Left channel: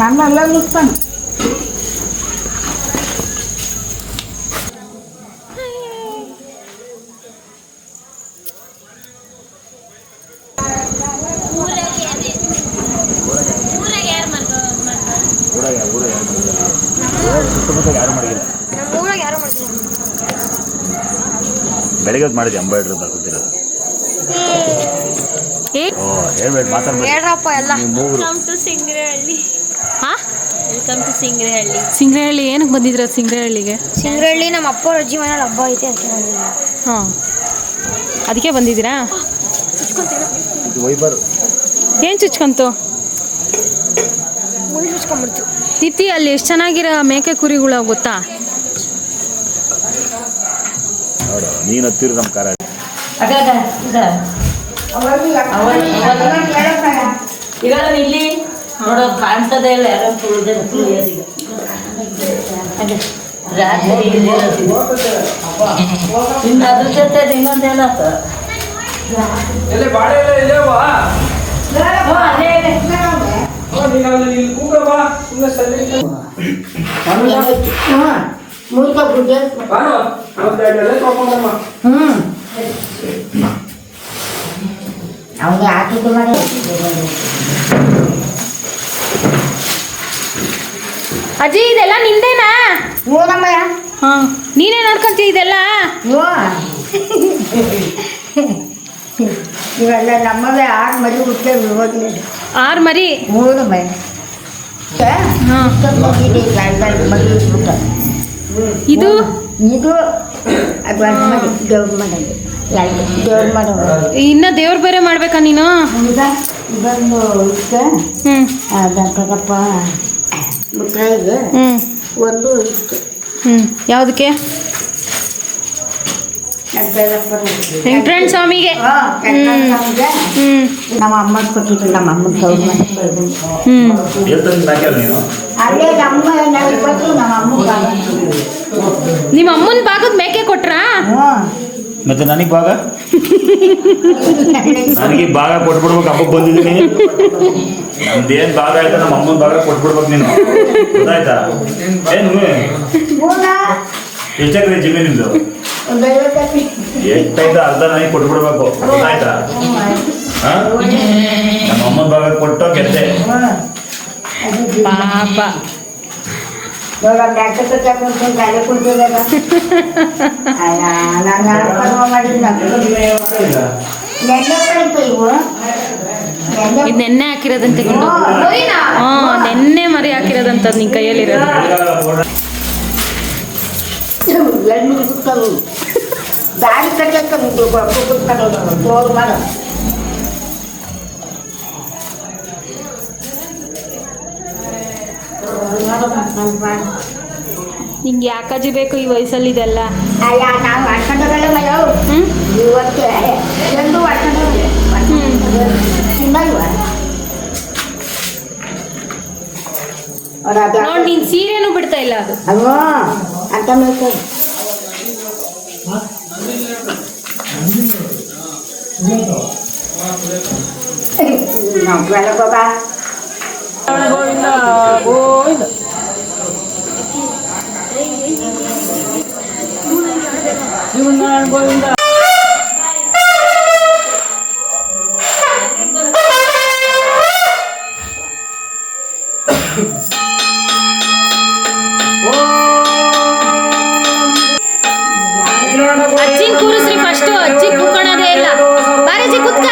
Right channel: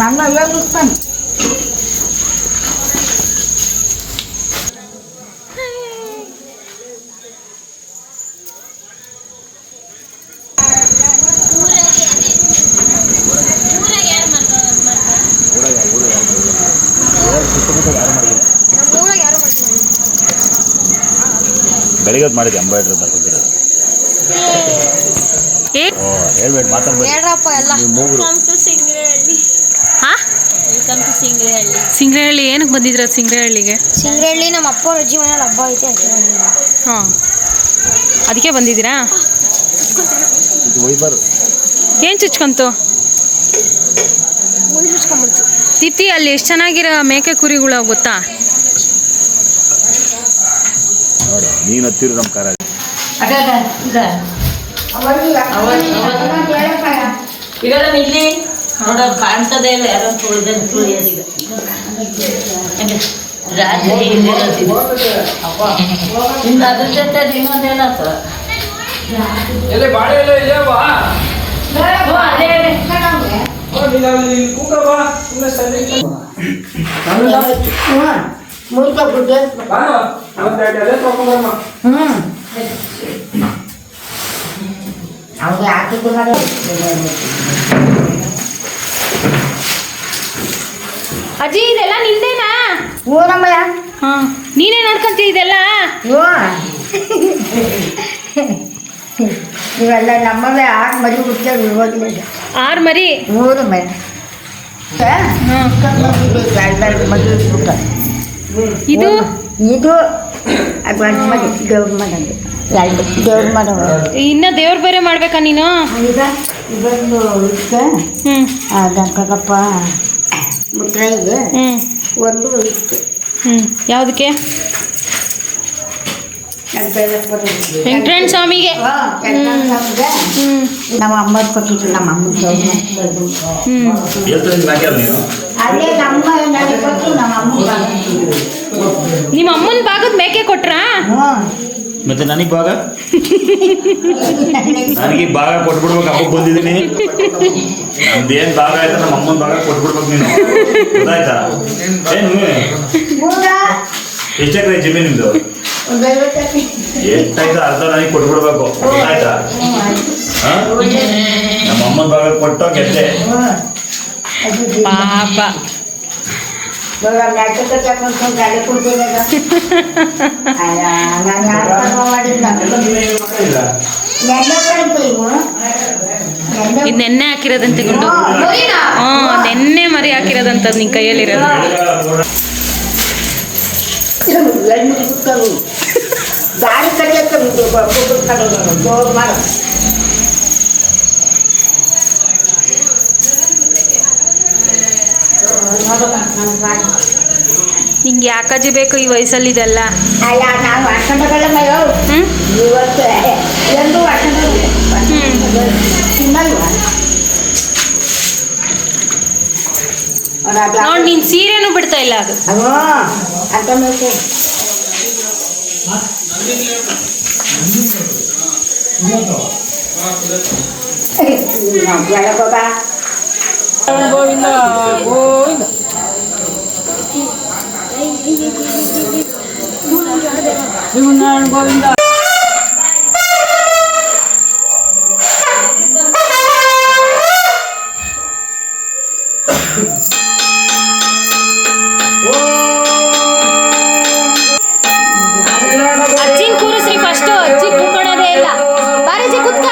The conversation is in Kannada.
ನಾನು ಎಲ್ಲ ಇರ್ತಾನೆ. ಬೆಳಿಗ್ಗೆ ಮಾಡಿದ್ದೆ ಎಂಬೈಡ್ರಿ ಬರ್ತಿದ್ದೀರ ಹೇಳ್ಬೇಡಿ ಹೇಳ್ರಪ್ಪ ಎಲ್ಲ. ಸಿಂಗ್ರಹಳ್ಳಿ ಏನಕ್ಕೆ ಬಂದಿದ್ರ ಸಿಂಗ್ರಹಳ್ಳಿಗೆ? ಸಿಂಗ್ರಹಳ್ಳಿ ನಮ್ಮ ಅಪ್ಪ ಅಜ್ಜಿ ಮನೇಲಿ ಹಬ್ಬ ಐತೆ ಅದಕ್ಕೆ ಬಂದಿದ್ದೀವಿ. ಹಾಂ, ಅದಕ್ಕೆ ಬಂದಿದ್ದೀರಾ? ಏನು ಚುಚ್ಕೊಂತು? ಮುಯಿ ಚುಚ್ಕೊಂಡ್ಬಿಡ್ತು. ದೀಪ್ತಿ, ಅಲ್ಲಿ ಎಷ್ಟು ಚೆನ್ನಾಗಿರೋ ಮೇಕೆ ಕುರಿಗಳು ಗೊತ್ತಾ? ನೀನು ಹತ್ತಿರ ನಮ್ಮ ಕಾರ ಈಗ ಇಲ್ಲಿ ನೋಡೋದು ಕಾಣ್ತದೆ ಇಲ್ಲ, ಯಾರೋ ತುಳಿಯೋದೀಗ ರಾತ್ರಿ ಇನ್ನು ಅದ್ರ ಜೊತೆ ಇನ್ನೊಂದೇನಾತ ಅವ್ನಿಗೆ ಹಾಕಿದ್ದು ಅಜ್ಜಿ, ಇದೆಲ್ಲ ನಿಂದೇನಾ? ಹ್ಞೂ ನಮ್ಮಯ್ಯ. ಹಾಂ, ನೀನೇ ನೋಡ್ಕೊಂತೀಯ ಇದೆಲ್ಲ? ಹ್ಞೂ ಇವೆಲ್ಲ ನಮ್ಮವೇ. 6 ಮರಿ ಹುಟ್ಟೇವೆ ಇವಾಗಲೇ. 6 ಮರಿ? ಹ್ಞೂ ನಮ್ಮಯ್ಯ. ಮರಿ ಹುಟ್ಟ. ಇದು ಇದು ಅದು ಮರಿ ದೇವ್ರ ಮನೆಯಲ್ಲಿ ದೇವ್ರ ಮಾಡೋ. ಇನ್ನ ದೇವ್ರ ಬೇರೆ ಮಾಡ್ಬೇಕಾ ನೀನು? ಇದೊಂದು ಇಷ್ಟ ಗಂಕಪ್ಪ ಮುತ್ತೈಗೆ ಒಂದು ಇಷ್ಟು. ಯಾವುದಕ್ಕೆ? ವೆಂಕಟರಮಣ ಸ್ವಾಮಿಗೆ. ನಮ್ಮ ಅಮ್ಮ ಕೊಟ್ಟಿದ್ರು. ನಮ್ಮ ಅಮ್ಮನ ಅಲ್ಲೇ ನಮ್ಮ ನಿಮ್ಮ ಅಮ್ಮನ ಭಾಗದ ಮೇಕೆ ಕೊಟ್ರಾ? ಮತ್ತೆ ನನಗೆ ಭಾಗ ನನಗೆ ಭಾಗ ಕೊಟ್ಬಿಡ್ಬೇಕು. ಹಬ್ಬಕ್ಕೆ ಬಂದಿದ್ದೀನಿ, ನಮ್ದೇನು ಭಾಗ ಆಯ್ತಾ ನಮ್ಮ ಅಮ್ಮನ ಭಾಗ ಕೊಟ್ಬಿಡ್ಬೇಕು ನೀನು, ಗೊತ್ತಾಯ್ತಾ? ಏನು ಎಷ್ಟಾಗ್ರೆ ಜಮೀನು ನಿಮ್ದು? ಎಷ್ಟಾಯ್ತು ಅರ್ಧ ನನಗೆ ಕೊಟ್ಬಿಡ್ಬೇಕು, ಗೊತ್ತಾಯ್ತಾ? ನಮ್ಮ ಅಮ್ಮನ ಭಾಗ ಕೊಟ್ಟು ಗೆದ್ದೆ. ಪಾಪ. ಇದು ನೆನ್ನೆ ಹಾಕಿರೋದಂತೆ ಗುಂಡು. ನೆನ್ನೆ ಮರಿ ಹಾಕಿರೋದಂತ ನಿನ್ ಕೈಯಲ್ಲಿರೋದು. ದಾರಿ ಕಟ್ಟಕ್ಕೆ ನಿಂಗೆ ಯಾಕಜ್ಜಿ ಬೇಕು ಈ ವಯಸ್ಸಲ್ಲಿ ಇದೆಲ್ಲ? ನಾವು ಮಾಡ್ಕೊಂಡಲ್ಲ ಮಯೋ. ಇವತ್ತು ಎಂದು ತಿನ್ನಲ್ವಾ? ನೋಡಿ, ನೀನ್ ಸೀರೆನೂ ಬಿಡ್ತಾ ಇಲ್ಲ ಅದು. ಅಂತ ಬೇಕು. ಬಾಬಾ ಗೋವಿಂದ ಗೋವಿಂದ. ಗೋವಿಂದ ಅಜ್ಜಿ ಕೂರಿಸ್ರಿ ಫಸ್ಟ್. ಅಜ್ಜಿ ಕೂತ್ಕೊಳ್ಳೋದೇ ಇಲ್ಲ. ಬಾರಜ್ಜಿ ಕೂತ್ಕ.